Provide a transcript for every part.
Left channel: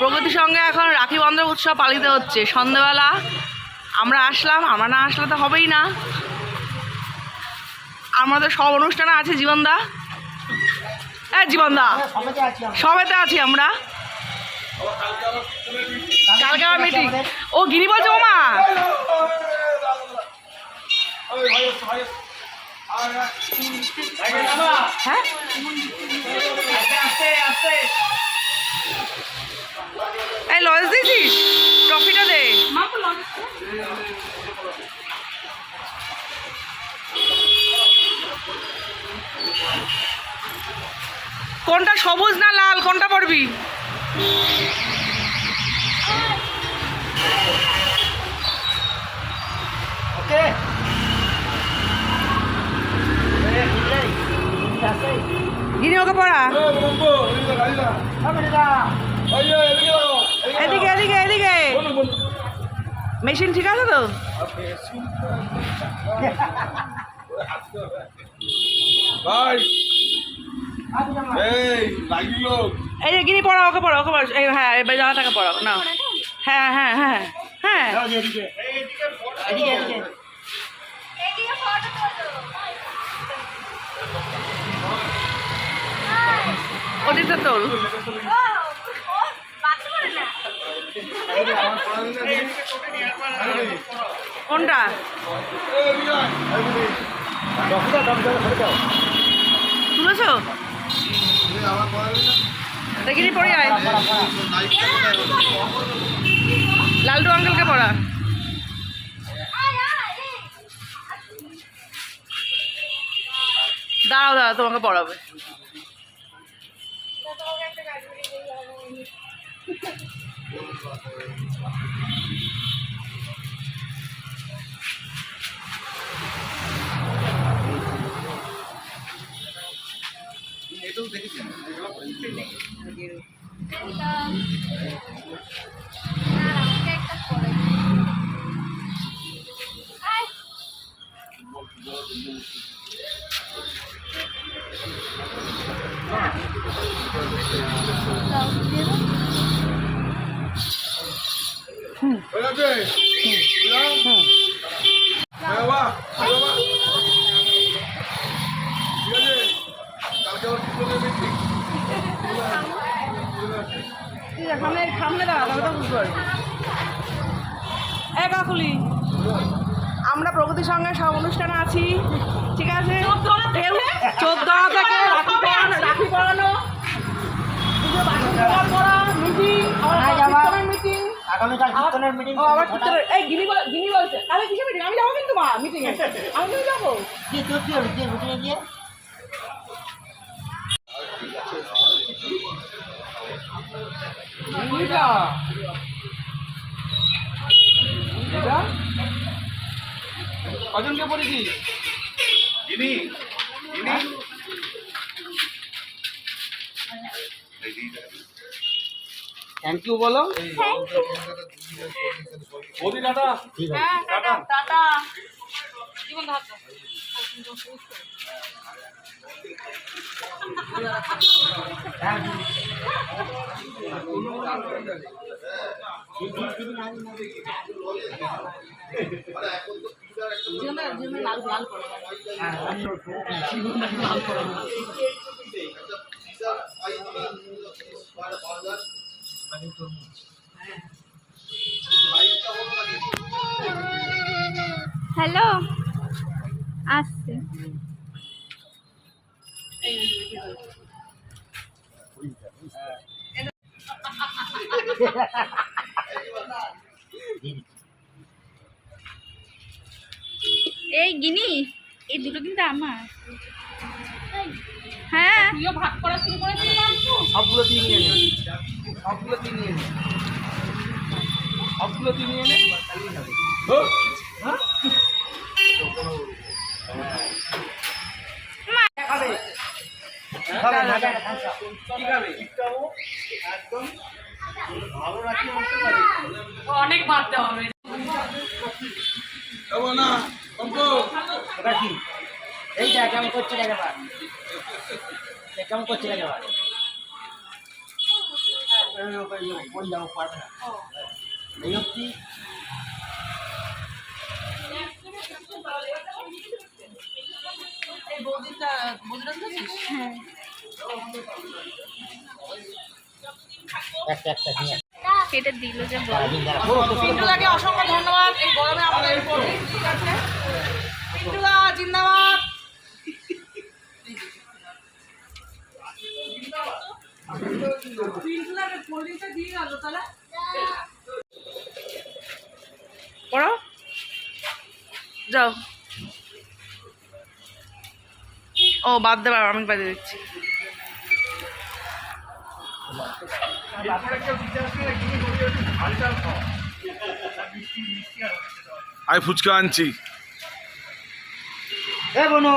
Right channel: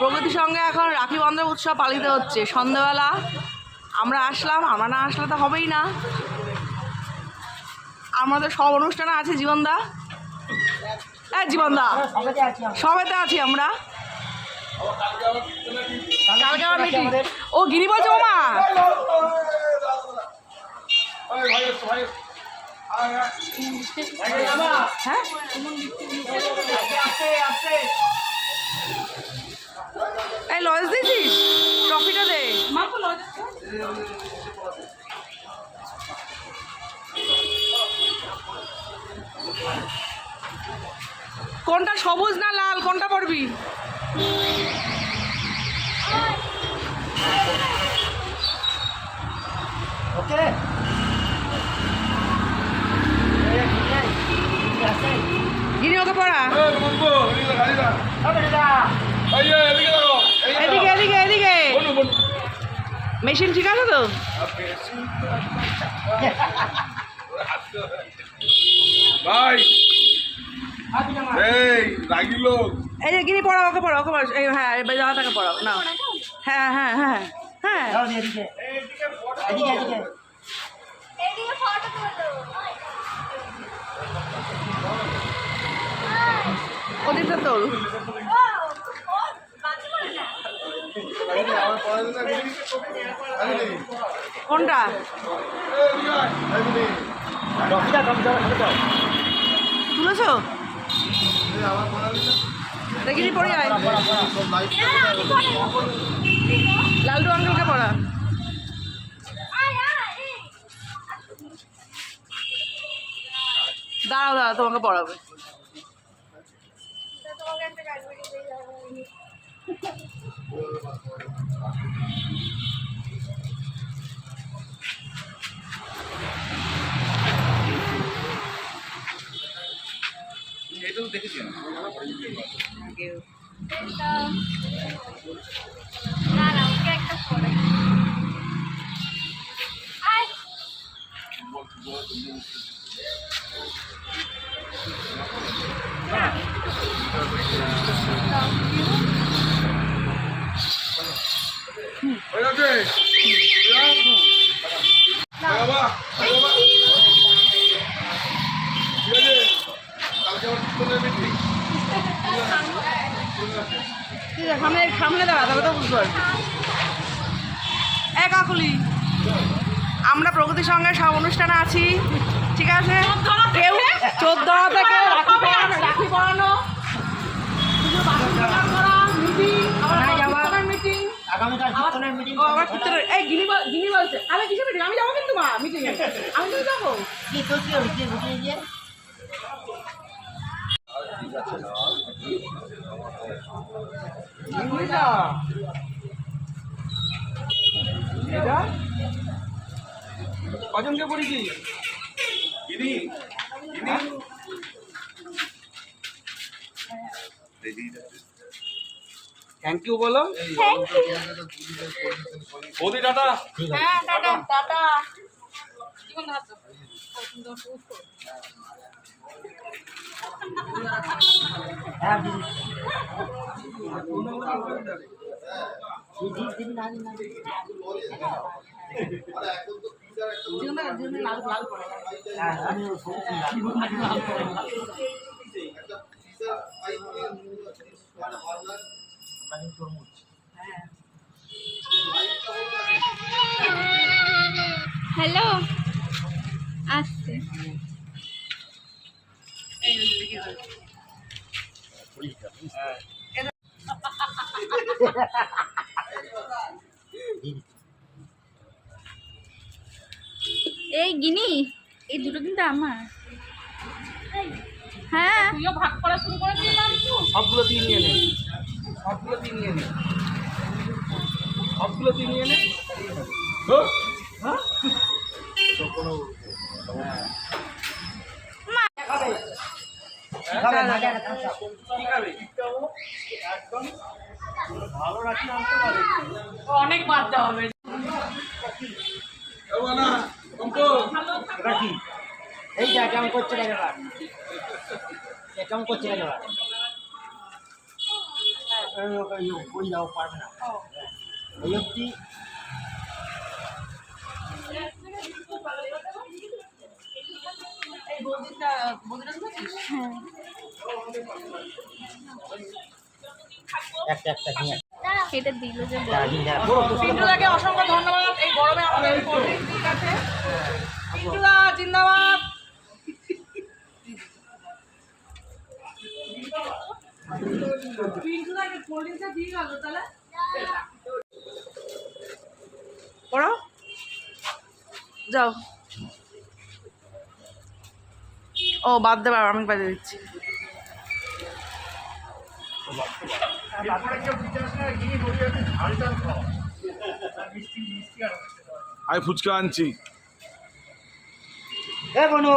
প্রগতির সঙ্গে এখন রাখি বন্ধন উৎসব পালিত হচ্ছে। সন্ধ্যেবেলা আমরা আসলাম আমরা না আসলে তো হবেই না। আমাদের সব অনুষ্ঠানে আছে জীবনদা। হ্যাঁ জীবনদা। আছি সবেতে আছি আমরা। কালকে আমার মিটিং ও গিরি বলছে ওমা হ্যাঁ? এই লজ দিয়েছিস ট্রফিটা দে। কোনটা সবুজ না লাল? কোনটা পড়বি? ওকে। গিনি ওকে পড়া। এদিকে এদিকে এদিকে। মেশিন ঠিক আছে তো? ভাই এই এই যে গিনি পড়া ওকে পড়া ওকে পড়া এই হ্যাঁ এবার জানাটাকে পড়াও না হ্যাঁ হ্যাঁ হ্যাঁ হ্যাঁ। ওদিকটা তোল ও ও বাচ্চা করে না কোনটা? তুলেছো? দেখিনি পড়ি আয় লালটু আঙ্কেলকে পড়া। দাঁড়াও দাঁড়াও তোমাকে পড়াবে। তোমাকে একটা গাড়ি করে দিয়ে যাব এটাও দেখেছি আমি না না কাকুলি আমরা প্রগতির সঙ্গে সব অনুষ্ঠানে আছি ঠিক আছে? কেউ চোদ্দ থেকে রাখি পড়ানো রাখি মিটিং? মিটিং কিসের মিটিং আমি যাব কিন্তু মা মিটিং আমি যাব। গিয়ে। গিনিটা। এটা কজনকে পড়েছি গিনি থ্যাংক ইউ বলো। বৌদি টাটা। ঠিক টাটা হ্যাঁ। হ্যাঁ হ্যালো আসছে। এই গিনি এই দুটো কিন্তু আমার। হ্যাঁ। তুইও ভাগ করা শুরু করেছিস মামু সবগুলো তুই নিয়ে নে। সবগুলো তুই নিয়ে নে। সবগুলো তুই নিয়ে নে। তাহলেই হবে হ্যাঁ তো কোনো কি খাবে একদম ভালো রাখি আনতে পারে অনেক বাদ হবে না অঙ্ক রাখি এইটা কেমন করছে দেখে এবার কেমন করছে ওই যাও পারবে না এই হ্যাঁ এটা দিল যে পিন্টুদাকে অসংখ্য ধন্যবাদ। এই গরমে আমাদের ঠিক আছে? পিন্টুদা জিন্দাবাদ। পড়ো। যাও। ও বাদ দেবার আমি বাজে দিচ্ছি। আমি ফুচকা আনছি। এ বনু।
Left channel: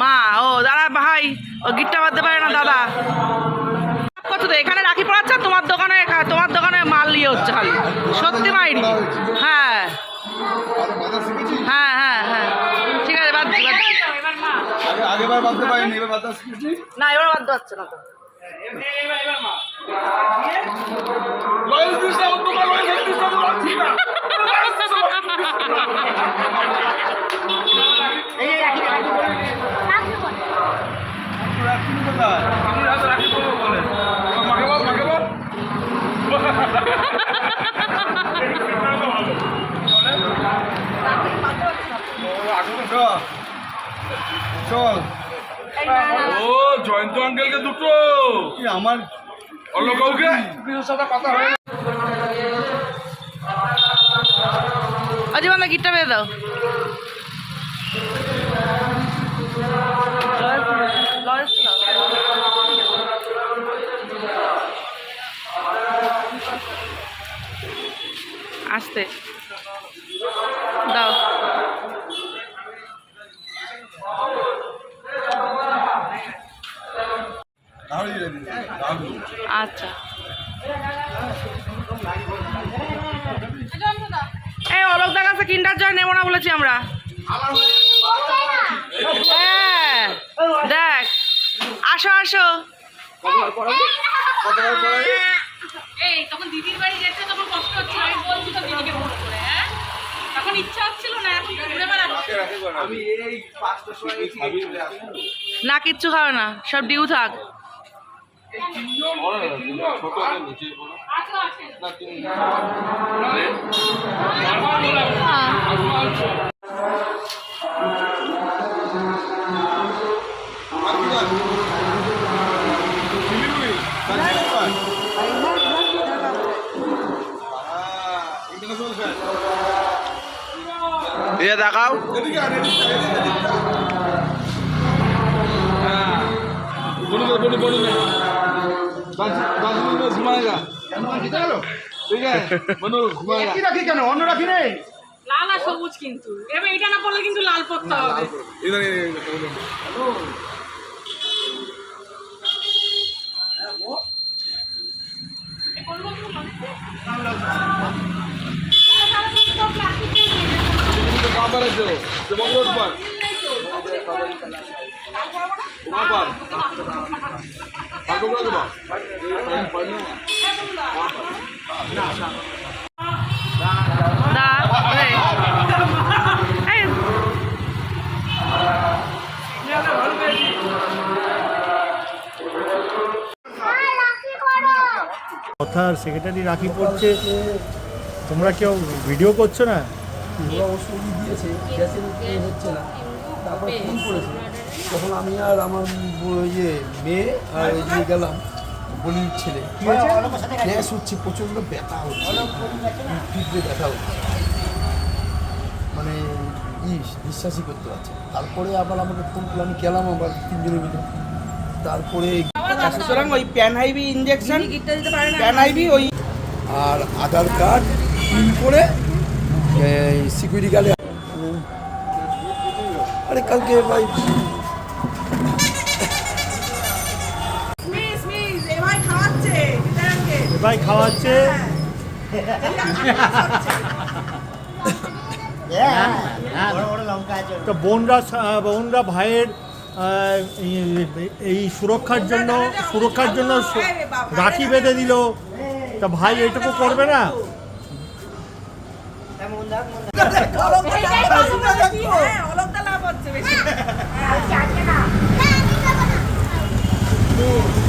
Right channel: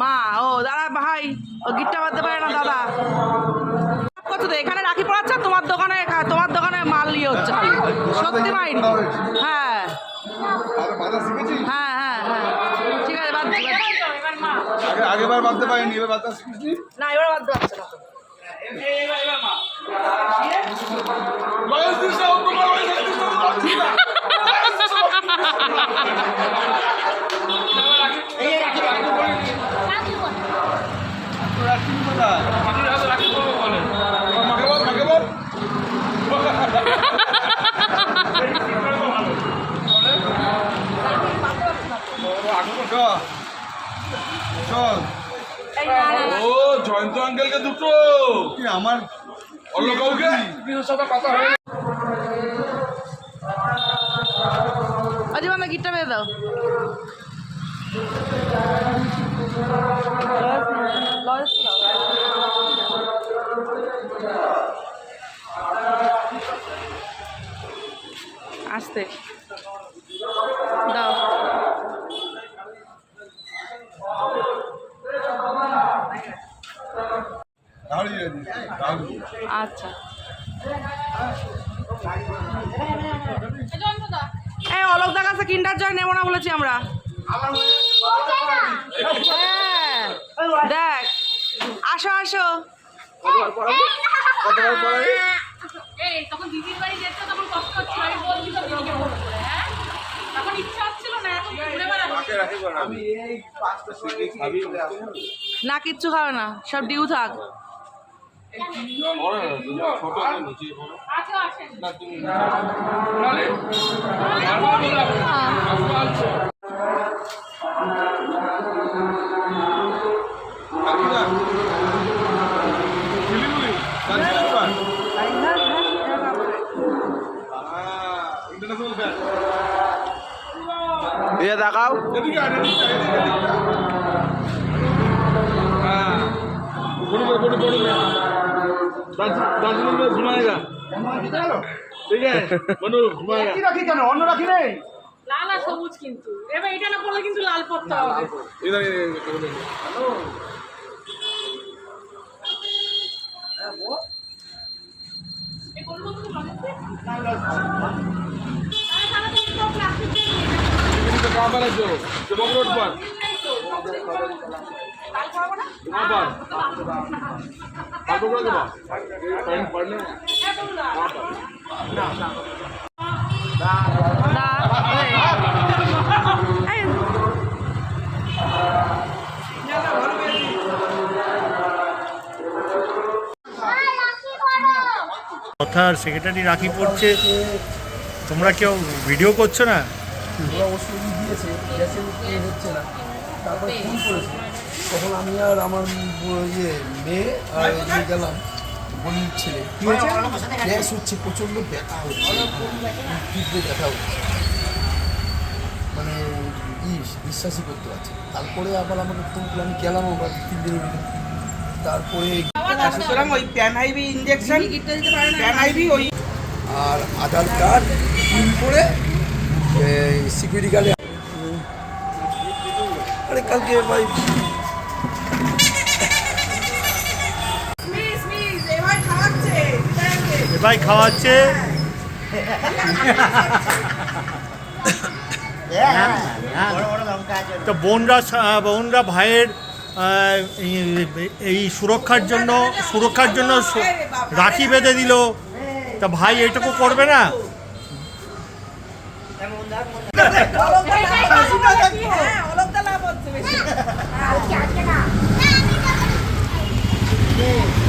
মা ও দাদা ভাই ও গিটটা বাঁধতে পারে না দাদা। করছ তো এখানে রাখি পড়াচ্ছে তোমার দোকানে তোমার দোকানে মাল নিয়ে হচ্ছে খালি। সত্যি মাইনি হ্যাঁ। হ্যাঁ হ্যাঁ হ্যাঁ। ঠিক আছে বাদ বাদ আগে আগেবার বাঁধতে পারিনি এবার বাধা শিখেছি না এবার বাদ হচ্ছে না তো লয়েস দিস না, অন্য কারও লয়েস দিস না, লয়েস দিস না। এই এই রাখি রাখি বলে তোর রাখছিস কোথায়? এবার মাকে বল, মাকে বল। চল। চল। ও জয়ন্ত আঙ্কেলকে দুটো। আমার অন্য কাউকে? অজীবন গিটটা বেঁধে দাও। আসতে দাও দাঁড়িয়ে দিয়েছি দাঁড়িয়ে আচ্ছা। এই অলোকদার কাছে কিন্ডার জয় নেব না বলেছি আমরা। হ্যাঁ দেখ আসো আসো। হ্যাঁ? তখন ইচ্ছা হচ্ছিল না কিচ্ছু খাবে না সব ডিউ থাক। ছোট নিচে আচ্ছা না তুমি ইন্টারন্যাশনাল ফ্যান এ দেখাও। এদিকে ঘুমায়েগা। ঠিক আছে মনু ঘুমায়েগা। কি রাখি কেন? অন্য রাখি রে লাল আর সবুজ কিন্তু। এবার এটা না পড়লে কিন্তু লাল পড়তে হবে। તમારો જ પણ কথার সেক্রেটারি রাখি পড়ছে। তোমরা কেউ ভিডিও করছ না? ওষুধ দিয়েছে গ্যাসের হচ্ছে না। ফোন করেছে? তখন আমি আর আমার ব- ইয়ে মেয়ে আর নিয়ে গেলাম বোনের ছেলে। কি হয়েছে গ্যাস হচ্ছে প্রচণ্ড ব্যথা হচ্ছে। তীব্র ব্যথা হচ্ছে। মানে ই বিশ্বাসই করতে পারছি। তারপরে আবার আমাকে ফোন করল আমি গেলাম আবার তিন দিনের মিলে তারপরে সুতরাং ওই pan IV injection pan IV ওই আর আধার কার্ড প্রিন্ট করে সিকিউরিটি গার্ডে আরে কালকে ভাই মিস মিস এবার খাওয়াচ্ছে বিচারাকে। এ ভাই খাওয়াচ্ছে। তো বোনরা বোনরা ভাইয়ের এই- সুরক্ষার জন্য সুরক্ষার জন্য রাখি বেঁধে দিল। তা ভাই এটুকু করবে না। হ্যাঁ,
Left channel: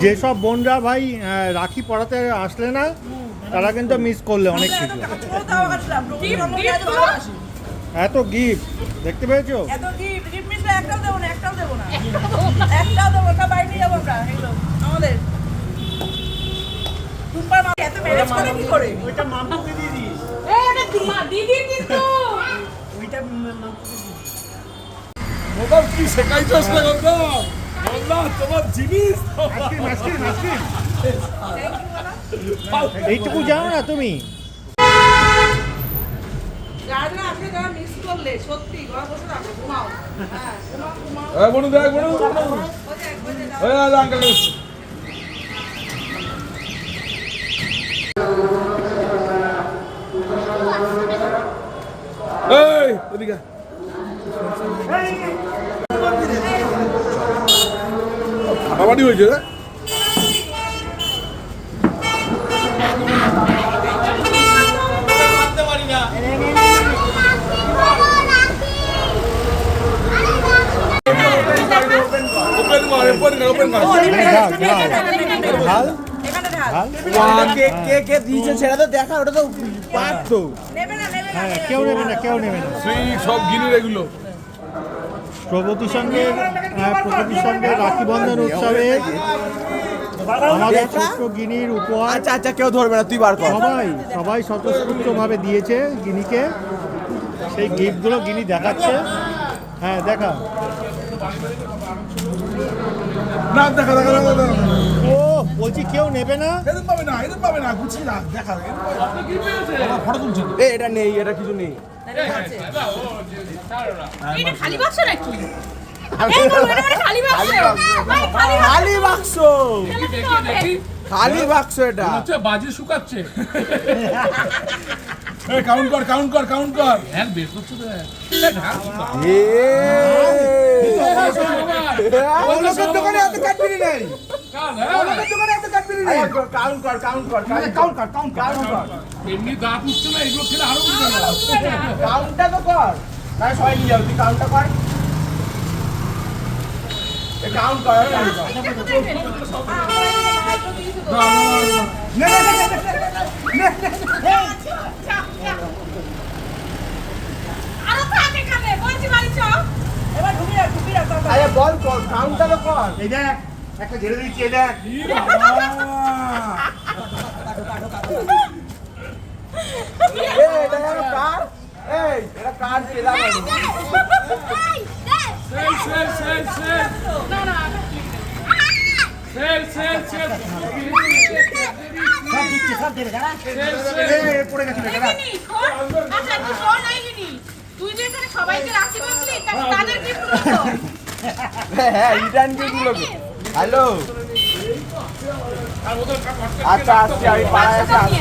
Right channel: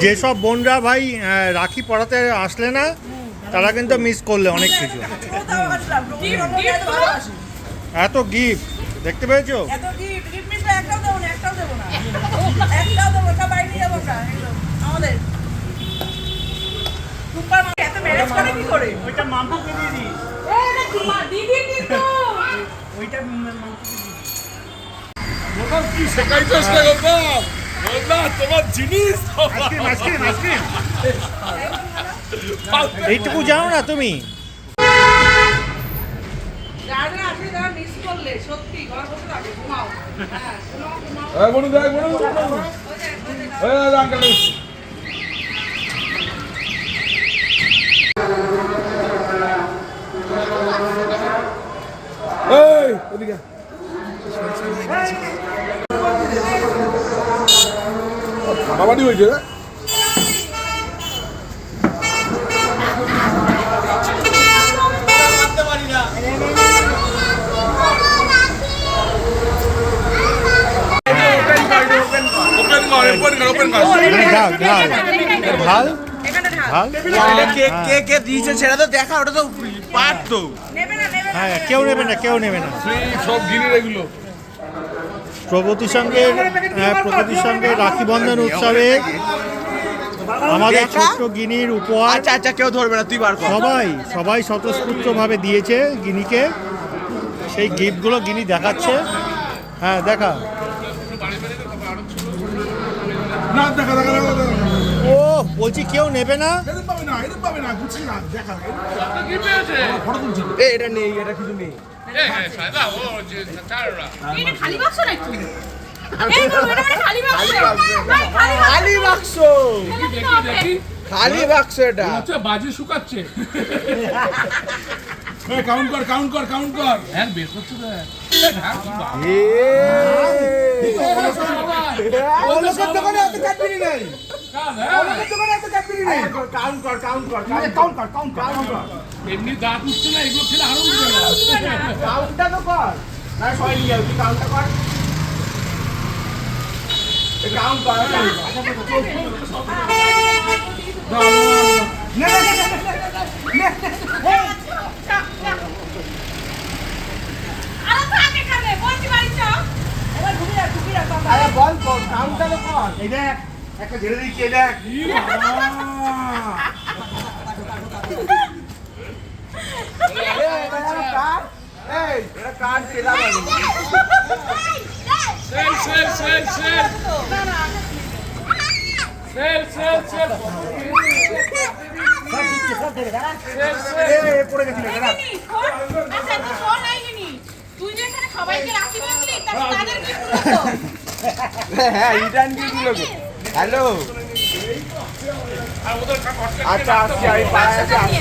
যেসব বোনরা ভাই রাখি পড়াতে আসলে না তারা কিন্তু মিস করলে অনেক কিছু। এত গিফট দেখতে পেয়েছ? এত gift, gift বললাম কি শেখাই এইটুকু যাও না তুমি? Uncle Hey, let me go. এখানে ঢাল। ঢাল কে কে কে দিয়েছে সেটা তো দেখা ওটা তো পাঠ তো নেবে না, নেবে না। হ্যাঁ কেউ নেবে না কেউ নেবে না। সেই সব গিনির এগুলো। প্রগতি সঙ্গের প্রগতি সঙ্গের রাখি বন্ধন উৎসবে আমাদের ছোট্ট গিনির উপহার আচ্ছা আচ্ছা কেউ ধরবে না তুই বার কর। সবাই সবাই স্বতঃস্ফূর্তভাবে দিয়েছে গিনিকে। সেই গিফটগুলো গিনি দেখাচ্ছে। হ্যাঁ দেখা। ও বলছি কেউ নেবে না? এটা নেই এটা কিছু নেই। খালি বাক্স নাকি এই বাবু, এটা মানে খালি বাক্স খালি বাক্স। খালি বাক্স খালি বাক্স এটা হচ্ছে বাজি শুকাচ্ছে কাউন্ট কর কাউন্ট কর কাউন্ট কর হ্যাঁ বের করছে তো হ্যাঁ। দোকানে এত কাটবিনি নাই এমনি দাঁত উঠছে না এগুলো খেলে আরও কাউন্টটা তো কর না সবাই নিয়ে যাও তুই কাউন্টটা কর কর না না না না না বল কর কাউন্টটা তো কর এই দেখ একটা ঝেড়ে দিচ্ছি এটা পড়ে হ্যাঁ ইটান কি হ্যালো আচ্ছা আচ্ছা আমি